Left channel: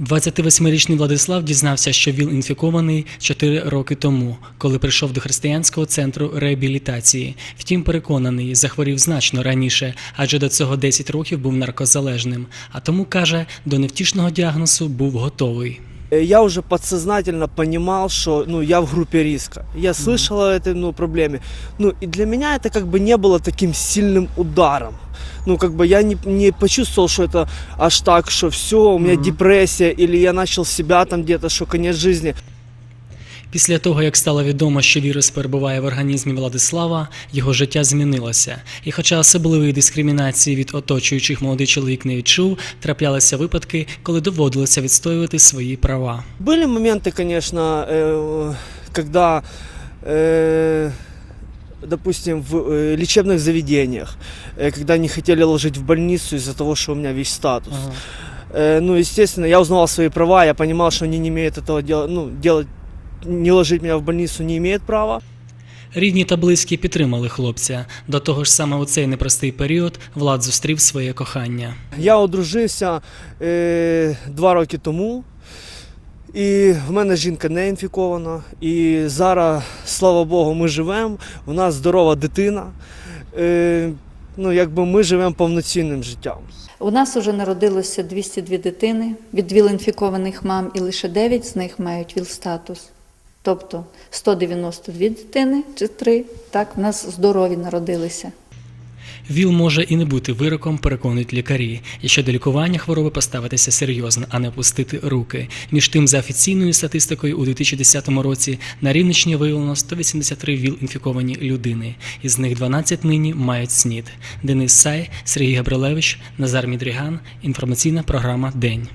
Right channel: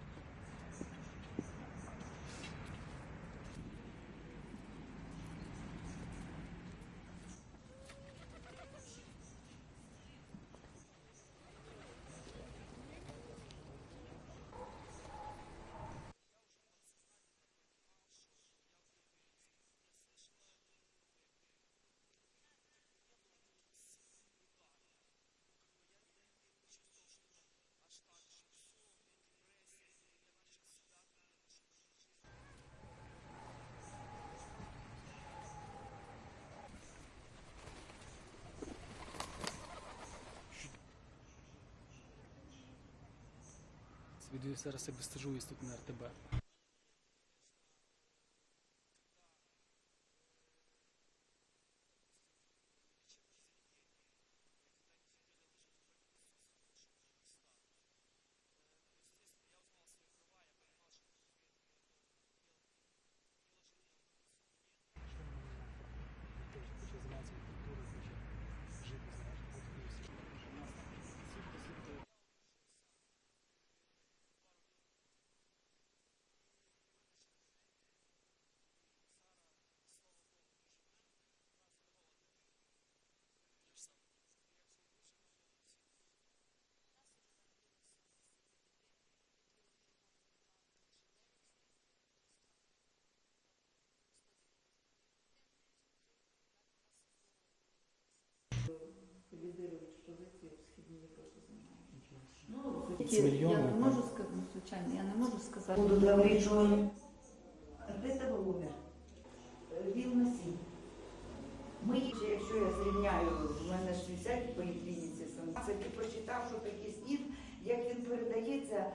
28-річний Владислав дізнався, що він інфікований 4 роки тому, коли прийшов до християнського центру реабілітації. Втім, переконаний, захворів значно раніше, адже до цього 10 років був наркозалежним. А тому каже, до невтішного діагнозу був готовий. Э, Я уже подсознательно понимал, что ну, я в группе риска. Я слышал о этой ну, проблеме. Ну, и для меня это как бы не было таким сильным ударом. Ну, как бы я не, не почувствовал, что это аж так, что все, у меня Мгм. депрессия, или я начал себя там где-то, что конец жизни. Після того, як стало відомо, що вірус перебуває в організмі Владислава, його життя змінилося. І хоча особливої дискримінації від оточуючих молодий чоловік не відчув, траплялися випадки, коли доводилося відстоювати свої права. Были моменты, конечно, э, когда, э, допустим, в э, лечебных заведениях, э, когда не хотели ложить в больницу из-за того, что у меня весь статус. Э, ну, естественно, я узнавал свои права, я понимал, что они не имеют этого дела, ну, делать, не ложить меня в больницу не имеют права. Рідні та близькі підтримали хлопця. До того ж, саме у цей непростий період Влад зустрів своє кохання. Я одружився е, два роки тому, і в мене жінка не інфікована. І зараз, слава Богу, ми живемо. У нас здорова дитина. Е, ну, якби ми живемо повноцінним життям. У нас вже народилося 202 дитини від ВІЛ-інфікованих мам, і лише 9 з них мають ВІЛ-статус. Тобто 192 дитини чи 3, так, в нас здорові народилися. ВІЛ може і не бути вироком, переконують лікарі, якщо до лікування хвороби поставитися серйозно, а не опустити руки. Між тим, за офіційною статистикою, у 2010 році на Рівненщині виявлено 183 ВІЛ-інфіковані людини. Із них 12 нині мають СНІД. Денис Сай, Сергій Габрилевич, Назар Мідріган. Інформаційна програма День.